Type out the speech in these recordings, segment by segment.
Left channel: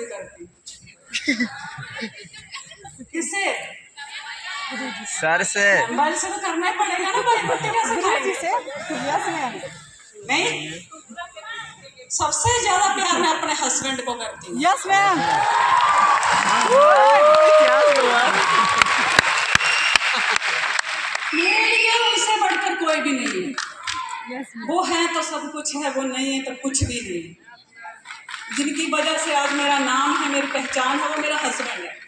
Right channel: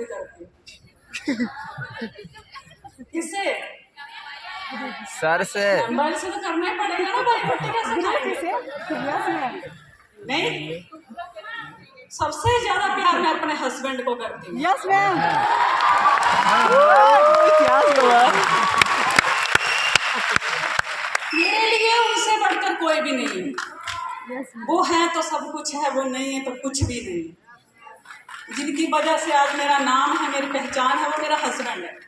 भी करती हूँ। किससे? सर से। मोबाइल से तो करना ही पड़ेगा ना भाई, कुत्ते कैसे खाएंगे? नहीं, सबसे ज्यादा प्यार मैं अपने हस्बैंड को करती हूँ। Yes ma'am. मेरे लिए उससे बढ़कर कोई भी नहीं है। यस वो है तो सब कुछ है, वो नहीं है तो कुछ भी नहीं। जिनकी वजह से आज मेरा नाम है, मेरी पहचान है, वो मेरा हस्बैंड है,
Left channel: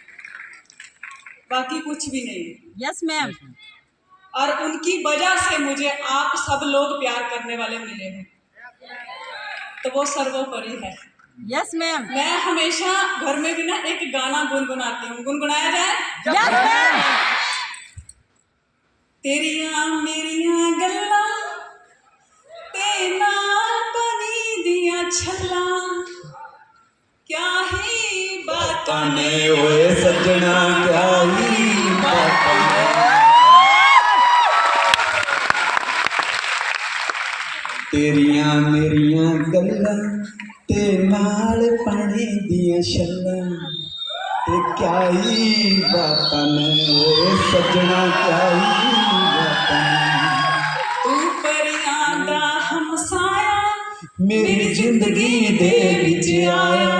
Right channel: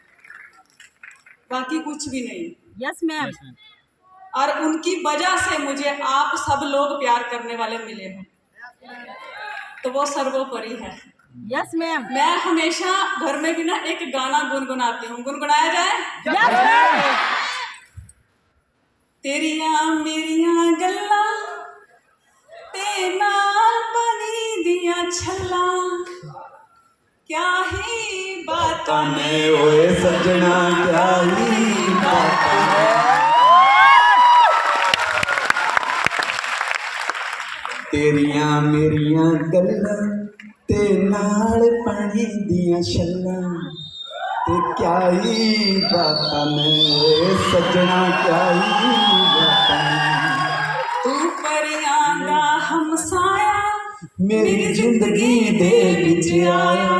बाकी कुछ भी नहीं। Yes ma'am. और उनकी वजह से मुझे आप सब लोग प्यार करने वाले मिले हो, तो वो सर्वोपरि है। Yes ma'am. मैं हमेशा घर में भी ना एक गाना गुनगुनाती हूँ, गुनगुनाया जाए? Yes ma'am. तेरिया मेरिया गल्ला ते नाल बनी दिया छल्ला, क्या ही बातां ने ओए सजना क्या ही बातां। तेरियां मेरियां गल्लां ते नाल पानी दियां छल्लां, ते क्या ही बातां ने ओए सजना क्या ही बातां। तू परियां दा हमसाया मेरी जिंदगी दे विच आया,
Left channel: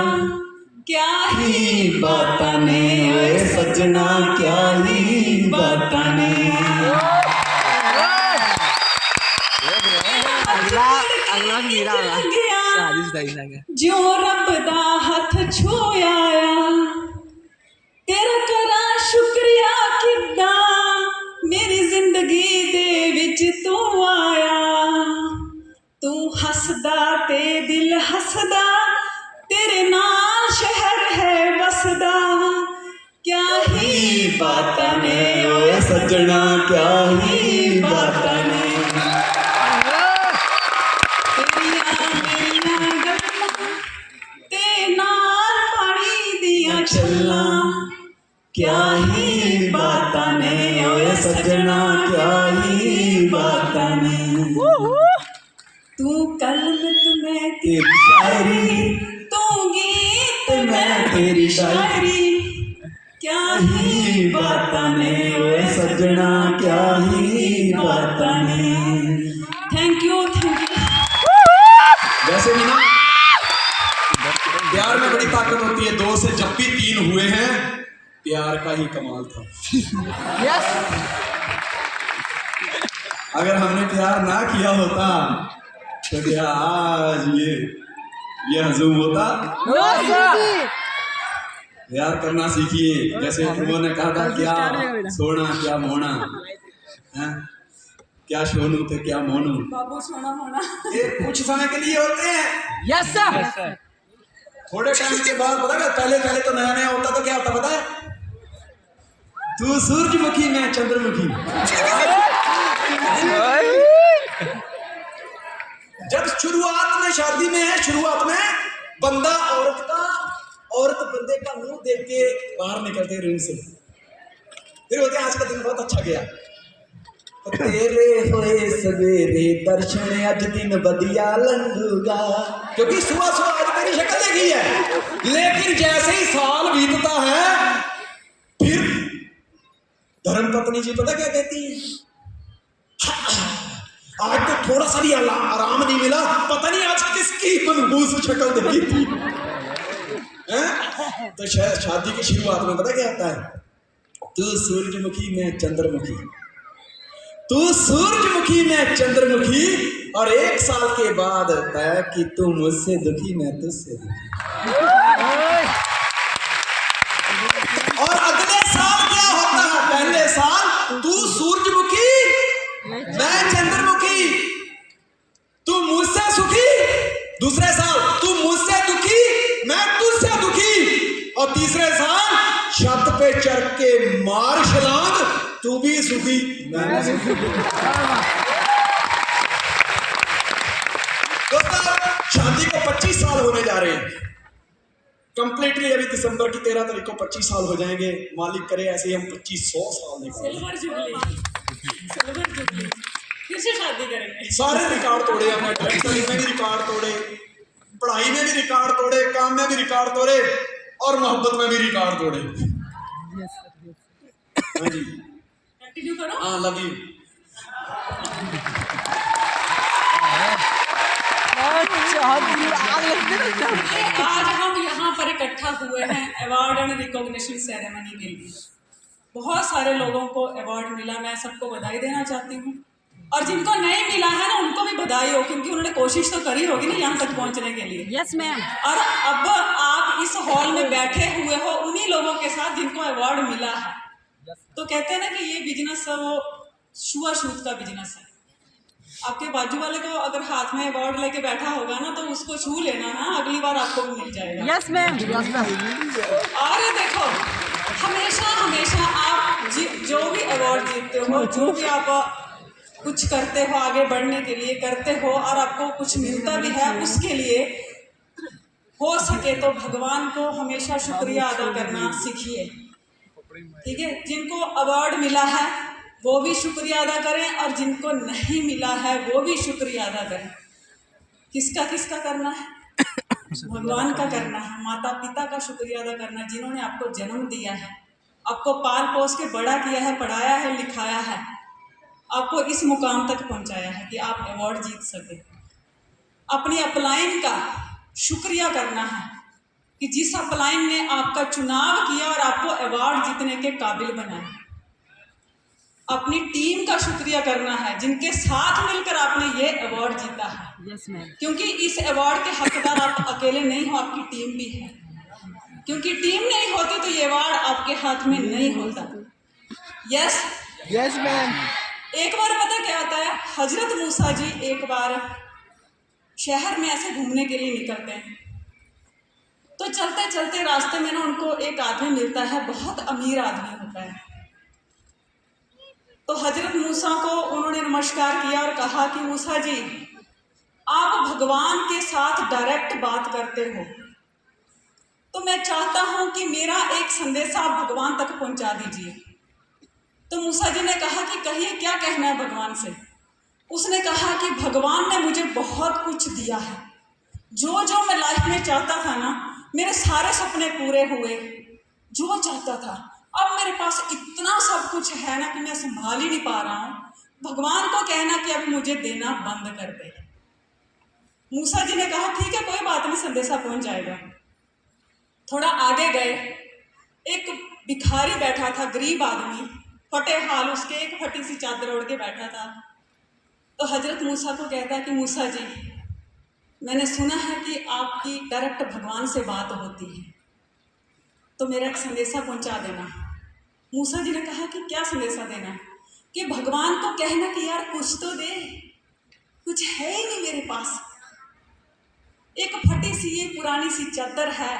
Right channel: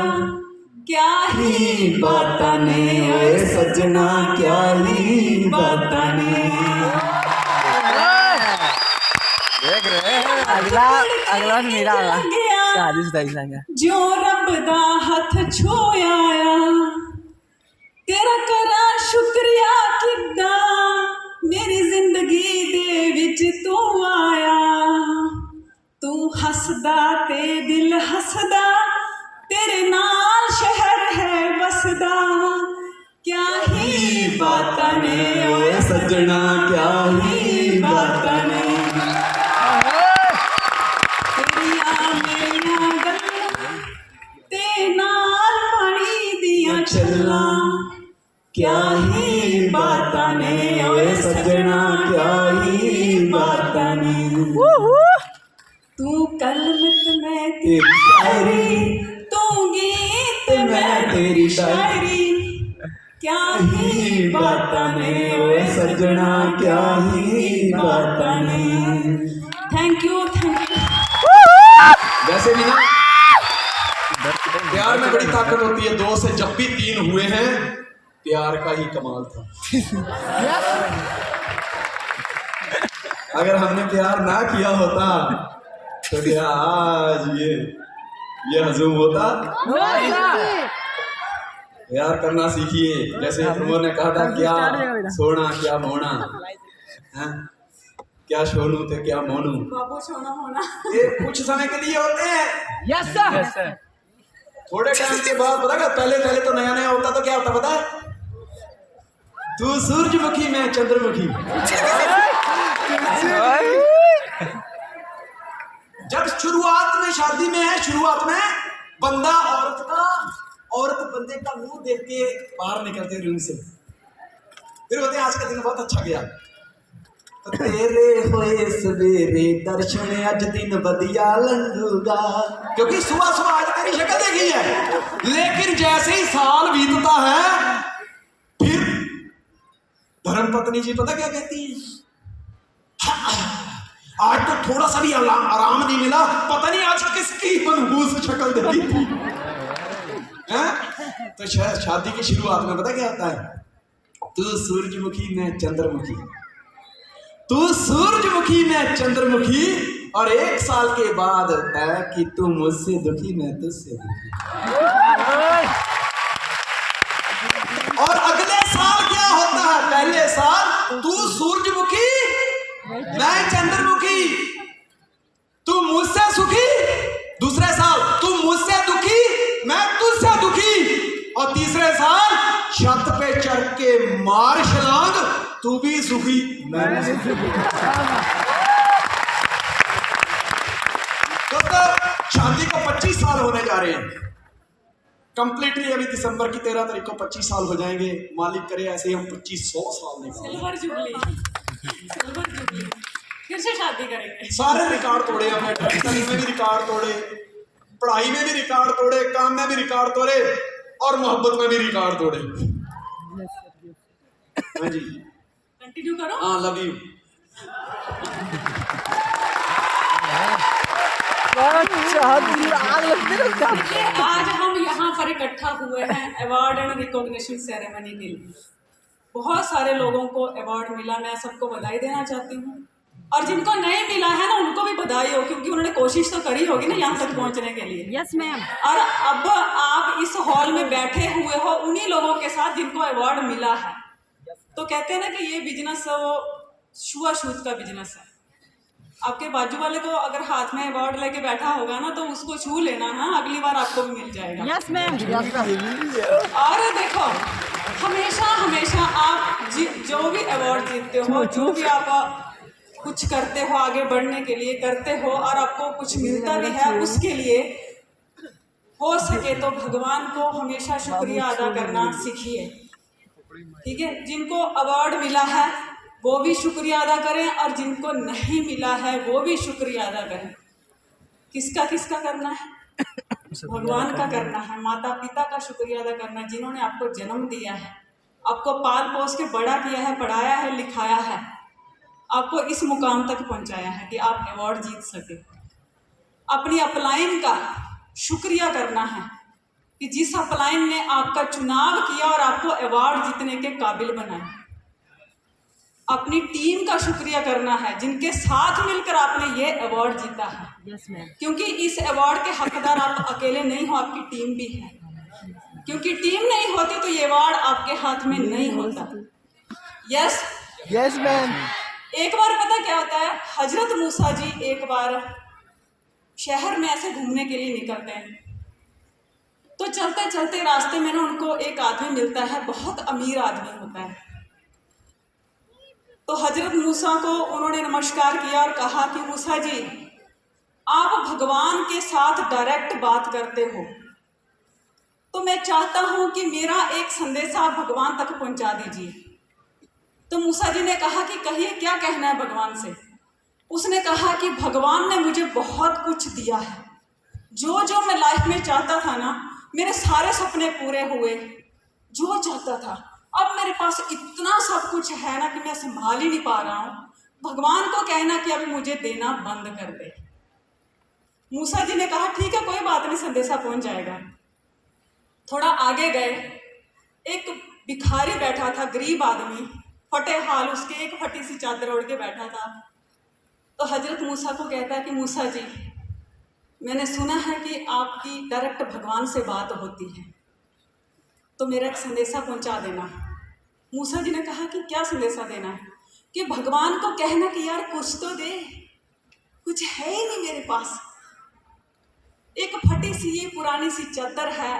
क्या ही बातां ने ओए सजना क्या ही बातां ने। अगला मेरा जो रब दा हथ छूया, तेरा करा शुक्रिया किदा, मेरी जिंदगी दे विच तू आया। तू हसदा ते दिल हसदा, तेरे नाल शहर है बसदा, क्या ही बातां ने ओए सजना क्या ही बातां ने। तेरियां मेरियां गल्लां ते नाल पानी दियां छल्लां, क्या ही बातां ने ओए सजना क्या ही बातां ने। तू कलमत मैं तेरी शायरी, तू गीत मैं तेरी शायरी, क्या ही बातां ने ओए सजना क्या ही बातां ने। Thank you, thank you. वैसे भी ना प्यार में बड़ी ताकत होती है। 2 से जब भी 3 हुए हैं, प्यार का ही कमाल था। अगर हमने प्यार ना किया होता तो क्या आज ये हजूम होता? प्यार करना सीखिए। जैसे उमर ने कहा था, क्या सोना क्या मोना, हैं? क्या सोनू थे क्या मोनू। बाबू सोना होना ये कुछ समय के लिए होते हैं। Yes sir. थोड़े टाइम के बाद पता है, पहले तो नया नया होता तो क्या होता पता है? तू सूरजमुखी मैं चंद्रमुखी। जब शुरुआत में शादी में है, शुरुआत में बंदा औरत बंदे का मुंह देख के बाहर निकलते रूम से, फिर होते आज का दिन बहुत अच्छा गया, तेरे होए सवेरे दर्शन अज दिन बदिया लंघूगा, क्योंकि सुबह सुबह आज तेरी शक्ल देखी है। लेकिन जैसे ही साल बीतता है, फिर धर्मपत्नी जी पता क्या कहती है? आज तो थोड़ा सा भी आराम नहीं मिला, पता नहीं आज किसकी मनहूस शक्ल देखी थी। तो शादी की शुरुआत में पता क्या होता है? तू सूरजमुखी मैं चंद्रमुखी, तू सूरजमुखी मैं चंद्रमुखी, और 1 साल के बाद होता है कि तू मुझसे दुखी मैं तुझसे दुखी। और अगले साल क्या होता है? पहले साल तू सूरजमुखी मैं चंद्रमुखी, तू मुझसे सुखी। दूसरे साल तू मुझसे दुखी मैं तुझसे दुखी। और तीसरे साल छत पे चढ़ के मार छलांग, तू भी सुखी मैं भी सुखी। दोस्तों, शादी को 25 साल होने जा रहे हैं कंप्लीटली। अभी दिसंबर की 13 तारीख को 25 साल हो जाएंगे। मालिक करे ऐसे ही हम 2500 साल निकालें। सिल्वर जुबली फिर से शादी करेंगे। सारे रिकॉर्ड तोड़े हमने, में भी रिकॉर्ड तोड़े, पढ़ाई में भी रिकॉर्ड तोड़े, काम में भी रिकॉर्ड तोड़े। और मोहब्बत में भी रिकॉर्ड तोड़े। हाँ जी, कंटिन्यू करो। हाँ, लव यू। आज हम यहाँ पर इकट्ठा हुए हैं अवार्ड एंड रिकॉग्निशन सेरेमनी के लिए। बहुत सारे लोगों को अवार्ड मिला, मैं सबको बधाई देना चाहती हूँ। और जिनको नहीं मिला है ना, उनको भी बधाई हो, क्योंकि उन्होंने कोशिश तो करी होगी ना यहाँ तक पहुँचने के लिए। Yes, ma'am. और अब आप इस हॉल में बैठे हुए हो उन्हीं लोगों के साथ जिनको अवार्ड मिला है। तो कहते हैं ना कि ये बिजनेस वो छुआछूत का बिजनेस है। आपके बाजू वाले को अगर हाथ में अवार्ड लेके बैठा होगा ना, तो उसको छू लेना ना, अगली बार आपको भी मिल जाएगा। Yes, ma'am. और देखो, हमेशा हमेशा आप जो भी अवार्ड जीतते हो, जो भी आप कुछ करते हो आगे बढ़ने के लिए करते हो, और आपको कुछ मिलता भी है, उसके लिए हो सके तो भगवान को हमेशा शुक्रिया अदा करना सीखिए। ठीक है, जिनको अवार्ड मिला है वो भी शुक्रिया अदा करें, और जिनको नहीं मिला है वो भी शुक्रिया अदा करें। किसका किसका करना है? भगवान का करना है, माता पिता का शुक्रिया अदा करना है, जिन्होंने आपको जन्म दिया है, आपको पाल पोस के बड़ा किया है, पढ़ाया है, लिखाया है, आपको इस मुकाम तक पहुंचाया है कि आप अवार्ड जीत सके। अपनी अपलाइन का शुक्रिया करना है कि जिस अपलाइन ने आपका चुनाव किया और आपको अवार्ड जीतने के काबिल बनाया। अपनी टीम का शुक्रिया करना है, जिनके साथ मिलकर आपने ये अवार्ड जीता है। Yes, ma'am. क्योंकि इस अवार्ड के हकदार आप अकेले नहीं हो, आपकी टीम भी है। क्योंकि टीम नहीं होती तो ये अवार्ड आपके हाथ में नहीं होता। Yes, yes ma'am. एक बार पता क्या होता है, हजरत मूसा जी एक बार शहर में ऐसे घूमने के लिए निकलते हैं। तो चलते चलते रास्ते में ना उनको एक आदमी मिलता है, बहुत अमीर आदमी होता है। तो हजरत मूसा को उन्होंने नमस्कार किया और कहा कि मूसा जी, आप भगवान के साथ डायरेक्ट बात करते हो, तो मैं चाहता हूं कि मेरा एक संदेशा आप भगवान तक पहुंचा दीजिए। तो मूसा जी ने कहा कि कहिए क्या कहना है भगवान से। उसने कहा कि भगवान ने मुझे बहुत कुछ दिया है, जो जो मैं लाइफ में चाहता था ना, मेरे सारे सपने पूरे हुए, जो चाहता था। अब मेरे पास इतना सब कुछ है ना कि मैं संभाल ही नहीं पा रहा हूँ। भगवान को कहना कि अब मुझे देना बंद कर दे। मूसा जी ने कहा ठीक है, कोई बात नहीं, संदेशा पहुंच जाएगा। थोड़ा आगे गए, एक भिखारी बैठा था, गरीब आदमी, फटे हाल, उसके एक फटी सी चादर ओढ़ के बैठा था। तो हजरत मूसा को कहता है कि मूसा जी, मैंने सुना है कि आपकी डायरेक्ट भगवान से बात होती है, तो मेरा एक संदेशा पहुंचा देना। मूसा जी ने कहा कि क्या संदेशा देना है? कि भगवान को कहना कि यार कुछ तो दे, कुछ है ही नहीं मेरे पास, एक फटी सी ये पुरानी सी चादर है,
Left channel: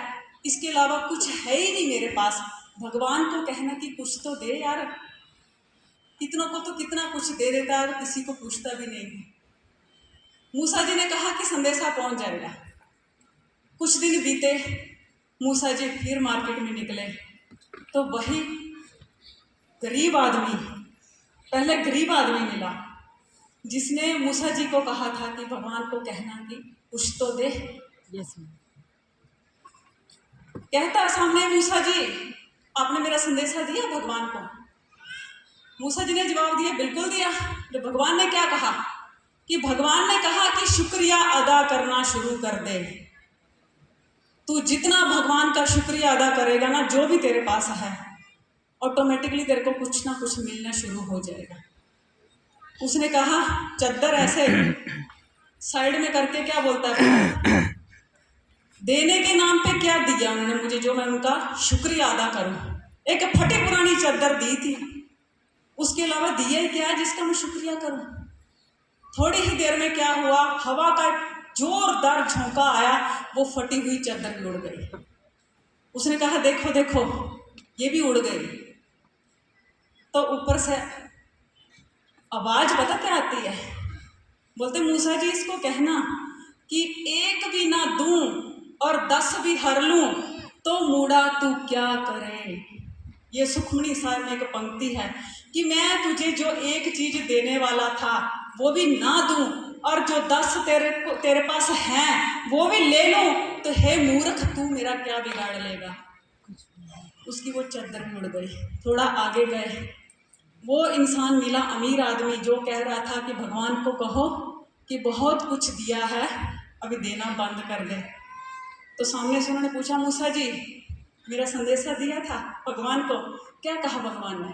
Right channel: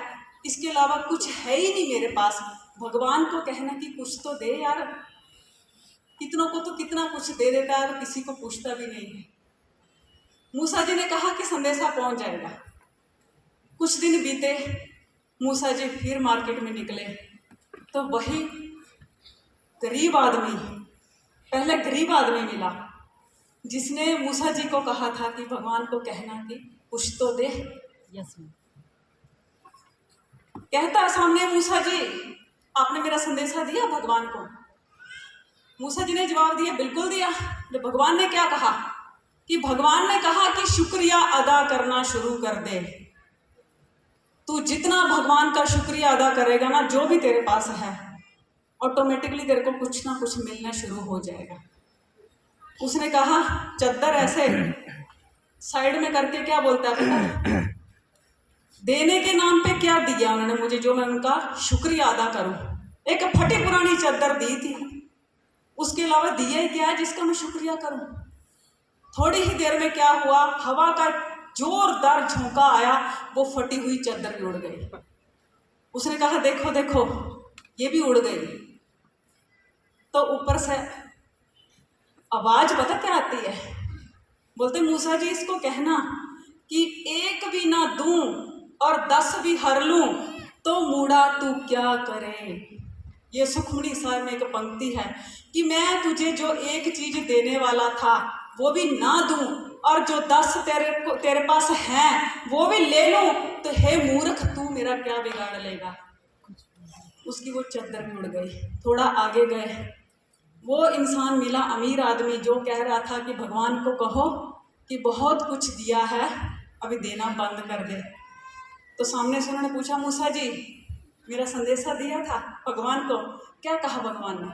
इसके अलावा कुछ है ही नहीं मेरे पास। भगवान को कहना कि कुछ तो दे यार, कितनों को तो कितना कुछ दे देता है, किसी को पूछता भी नहीं है। मूसा जी ने कहा कि संदेशा पहुंच जाएगा। कुछ दिन बीते, मूसा जी फिर मार्केट में निकले, तो वही गरीब आदमी, पहले गरीब आदमी मिला, जिसने मूसा जी को कहा था कि भगवान को कहना कि कुछ तो दे। Yes, ma'am. कहता सामने, मूसा जी आपने मेरा संदेशा दिया भगवान को? मूसा जी ने जवाब दिया, बिल्कुल दिया। तो भगवान ने क्या कहा? कि भगवान ने कहा कि शुक्रिया अदा करना शुरू कर दे। तू जितना भगवान का शुक्रिया अदा करेगा ना, जो भी तेरे पास है, ऑटोमेटिकली तेरे को कुछ ना कुछ मिलना शुरू हो जाएगा। उसने कहा, चद्दर ऐसे साइड में करके क्या बोलता है, देने के नाम पे क्या दिया उन्होंने मुझे, जो मैं उनका शुक्रिया अदा करूं। एक फटी पुरानी चादर दी थी, उसके अलावा दिया क्या है जिसका मैं शुक्रिया करूं। थोड़ी ही देर में क्या हुआ, हवा का जोरदार झोंका आया, वो फटी हुई चादर भी उड़ गई। उसने कहा, देखो देखो ये भी उड़ गई। तो ऊपर से आवाज पता क्या आती है, बोलते मूसा जी इसको कहना कि एक भी ना दूं और 10 भी हर लूं, तो मूड़ा तू क्या करे। ये सुखमनी साहब में एक पंक्ति है कि मैं तुझे जो एक चीज देने वाला था वो भी ना दूं, और जो 10 तेरे पास हैं वो भी ले लूं, तो हे मूर्ख तू मेरा क्या बिगाड़ लेगा। उसकी वो चादर भी उड़ गई। थोड़ा आगे गए, वो इंसान मिला, अमीर आदमी, जो कह रहा था कि भगवान को कहो कि बहुत कुछ दिया है, अभी देना बंद कर दे। तो सामने से उन्होंने पूछा, मूसा जी मेरा संदेशा दिया था भगवान को, क्या कहा भगवान ने?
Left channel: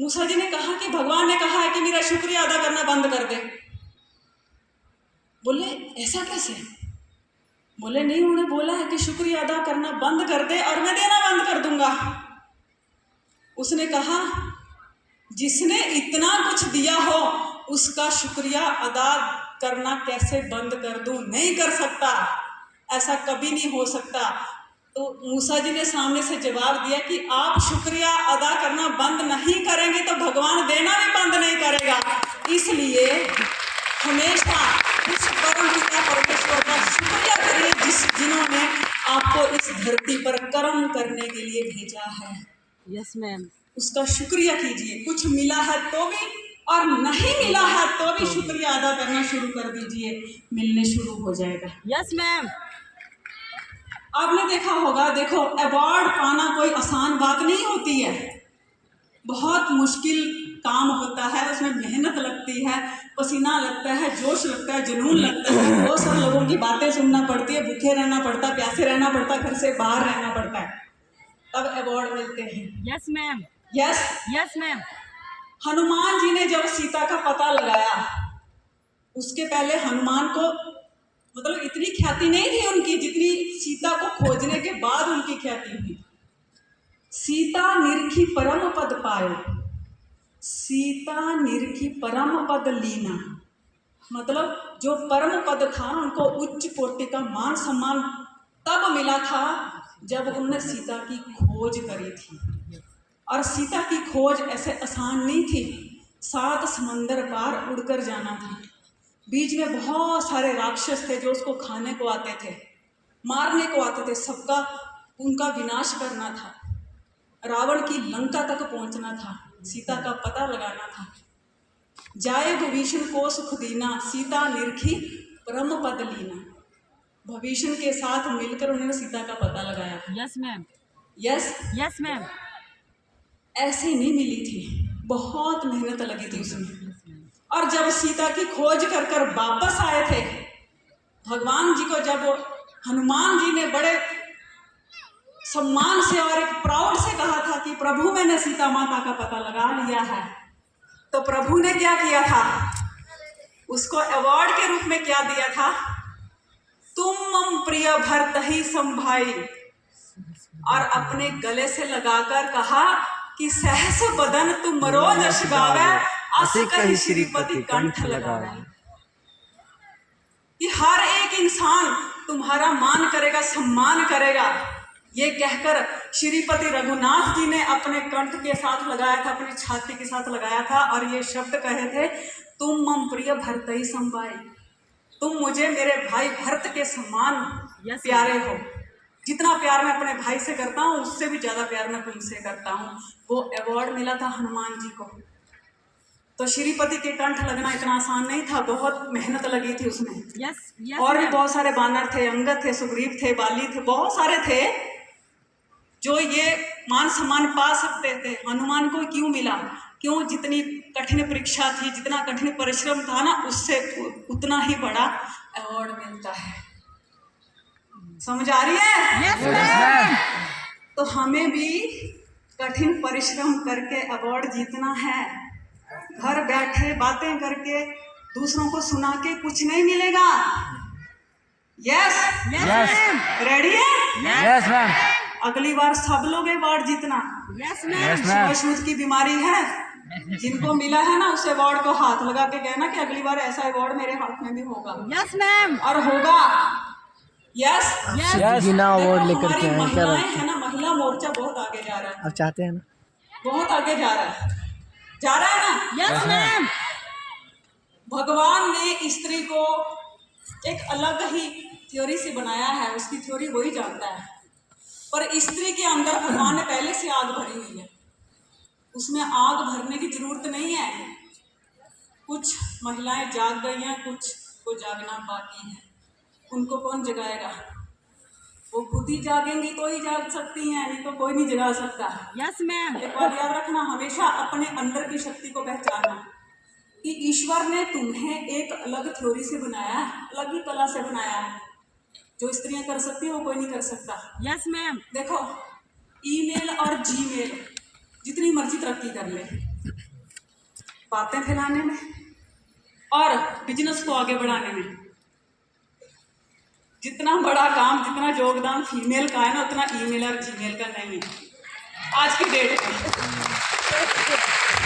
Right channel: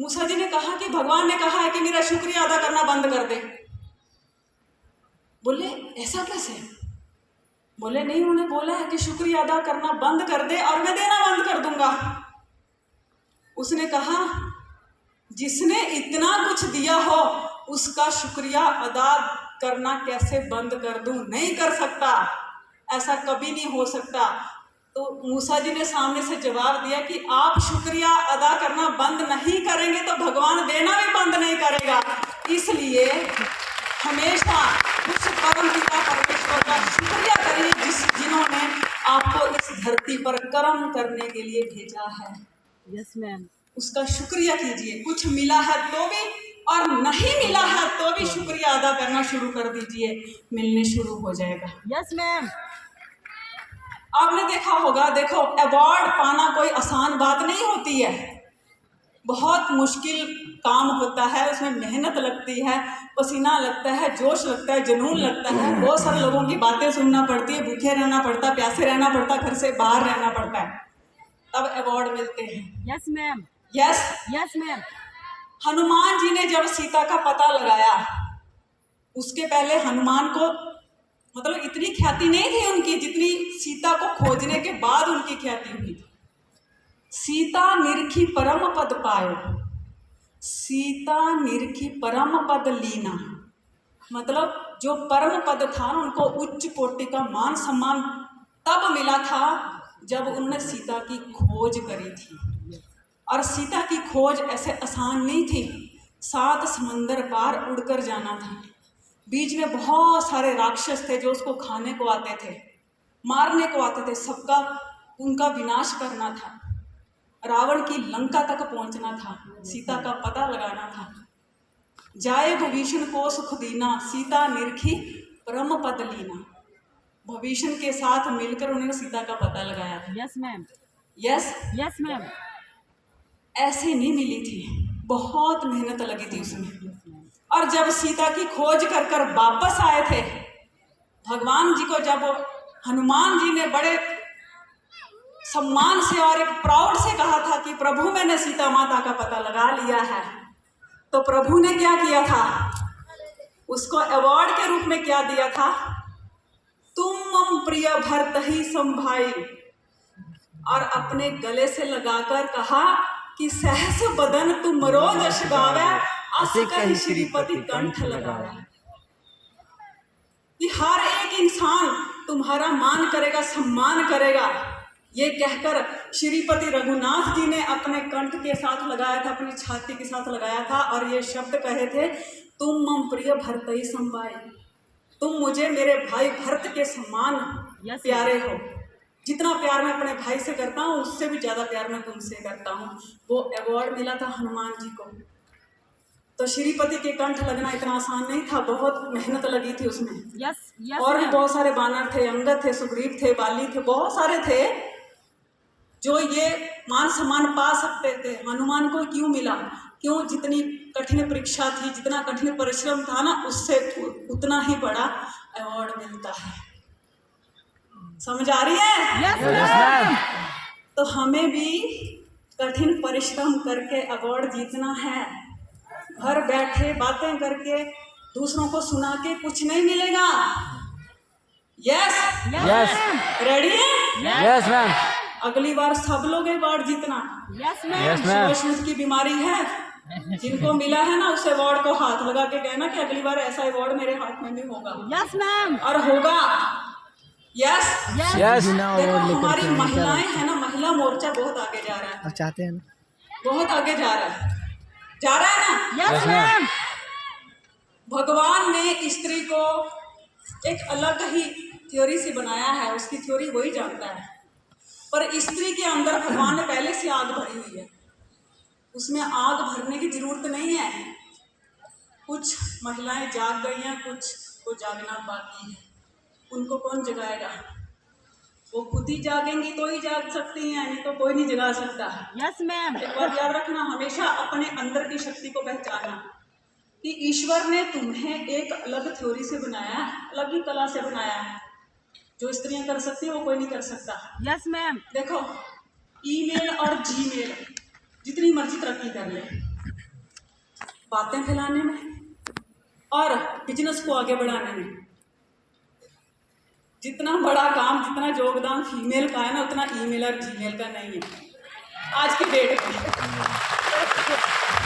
मूसा जी ने कहा कि भगवान ने कहा है कि मेरा शुक्रिया अदा करना बंद कर दे। बोले ऐसा कैसे? बोले नहीं, उन्होंने बोला है कि शुक्रिया अदा करना बंद कर दे और मैं देना बंद कर दूंगा। उसने कहा जिसने इतना कुछ दिया हो उसका शुक्रिया अदा करना कैसे बंद कर दूं? नहीं कर सकता, ऐसा कभी नहीं हो सकता। तो मूसा जी ने सामने से जवाब दिया कि आप शुक्रिया अदा करना बंद नहीं करेंगे तो भगवान देना भी बंद नहीं करेगा। इसलिए हमेशा उस परमपिता परमेश्वर का शुक्रिया करिए जिन्होंने आपको इस धरती पर कर्म करने के लिए भेजा है। Yes, ma'am. उसका शुक्रिया कीजिए। कुछ मिला है तो भी और नहीं मिला है तो भी शुक्रिया अदा करना शुरू कर दीजिए, मिलने शुरू हो जाएगा। Yes, ma'am. आपने देखा होगा, देखो अवार्ड पाना कोई आसान बात नहीं होती है, बहुत मुश्किल काम होता है, उसमें मेहनत लगती है, पसीना लगता है, जोश लगता है, जुनून लगता है, बहुत सारे लोगों की बातें सुनना पड़ती है, भूखे रहना पड़ता है, प्यासे रहना पड़ता है, घर से बाहर रहना पड़ता है, तब अवार्ड मिलते हैं। Yes, ma'am. Yes, Yes, ma'am. Hanuman ji ने जब सीता का पता लगाया, उसके पहले हनुमान को मतलब इतनी ख्याति नहीं थी उनकी जितनी सीता को खोजने के बाद उनकी ख्याति हुई। सीता निरखी परम पद पायो, सीता निरखी परम पद लीना, मतलब जो परम पद था उनको उच्च कोटि का मान सम्मान तब मिला था जब उन्होंने सीता की खोज करी थी। और सीता की खोज ऐसे आसान नहीं थी, 7 समंदर पार उड़कर जाना था, बीच में बहुत सारे राक्षस थे जो उसको खाने को आते थे, मारने को आते थे, सबका उनका विनाश करना था, रावण की लंका तक पहुंचना था, सीता का पता लगाना था। जाए भविष्य को सुख दीना, सीता निरखी परम पद लीना, भविष्य के साथ मिलकर उन्होंने सीता का पता लगाया था। Yes, ma'am. Yes, Yes, ma'am. ऐसे नहीं मिली थी, बहुत मेहनत लगी थी उसमें। और जब सीता की खोज कर कर वापस आए थे भगवान जी को, जब हनुमान जी ने बड़े सम्मान से और एक प्राउड से कहा था कि प्रभु मैंने सीता माता का पता लगा लिया है, तो प्रभु ने क्या किया था, उसको अवार्ड के रूप में क्या दिया था, तुम मम प्रिय भरत ही संभाई, और अपने गले से लगाकर कहा कि सहस बदन तुम रोज यश गावे, अस कहि श्रीपति कंठ लगावे। कि हर एक इंसान तुम्हारा मान करेगा, सम्मान करेगा, ये कहकर श्रीपति रघुनाथ जी ने अपने कंठ के साथ लगाया था, अपनी छाती के साथ लगाया था, और ये शब्द कहे थे, तुम मम प्रिय भरत ही संभाई, तुम मुझे मेरे भाई भरत के समान प्यारे हो, जितना प्यार मैं अपने भाई से करता हूँ उससे भी ज्यादा प्यार मैं तुमसे करता हूँ। वो अवार्ड मिला था हनुमान जी को। तो श्रीपति के कंठ लगना इतना आसान नहीं था, बहुत मेहनत लगी थी उसमें। Yes, yes, और भी ma'am. बहुत सारे बानर थे, अंगद थे, सुग्रीव थे, बाली थे, बहुत सारे थे जो ये मान सम्मान पा सकते थे। हनुमान को क्यों मिला? क्यों? जितनी कठिन परीक्षा थी, जितना कठिन परिश्रम था ना, उससे उतना ही बड़ा अवार्ड मिलता है। समझ आ रही है? Yes, ma'am. तो हमें भी कठिन परिश्रम करके अवार्ड जीतना है। घर बैठे बातें करके दूसरों को सुना के कुछ नहीं मिलेगा। Yes, Yes, Yes. ma'am. Ready है? यस मैम, अगली बार सब लोग अवार्ड जीतना। Yes, ma'am. Yes ma'am, sugar की बीमारी है, जिनको मिला है ना उस अवार्ड को हाथ लगा के कहना कि अगली बार ऐसा अवार्ड मेरे हाथ में भी होगा, Yes, ma'am. और होगा। Yes, Yes. यस बिना अवार्ड देखो लेकर हमारी के आए, क्या महिलाएं लगता है ना, महिला मोर्चा बहुत आगे जा रहा है, अब चाहते हैं ना? बहुत आगे जा रहा है, जा रहा है ना। Yes, Yes, ma'am. भगवान ने स्त्री को एक अलग ही थ्योरी से बनाया है, उसकी थ्योरी वही जानता है, पर स्त्री के अंदर भगवान ने पहले से आग भरी हुई है, उसमें आग भरने की जरूरत नहीं है। कुछ महिलाएं जाग गई हैं, कुछ को जागना बाकी है, उनको कौन जगाएगा? वो खुद ही जागेंगी तो ही जाग सकती हैं, नहीं तो कोई नहीं जगा सकता। Yes, ma'am. एक बात याद रखना, हमेशा अपने अंदर की शक्ति को पहचानना कि ईश्वर ने तुम्हें एक अलग थ्योरी से बनाया, अलग ही कला से बनाया। जो स्त्रियां कर सकती हैं वो कोई नहीं कर सकता। Yes, ma'am. देखो, ईमेल और जीमेल जितनी मर्जी तरक्की कर ले, बातें फैलाने में और बिजनेस को आगे बढ़ाने में जितना बड़ा काम, जितना योगदान फीमेल का है ना, उतना ईमेल और जीमेल का नहीं है आज की डेट में।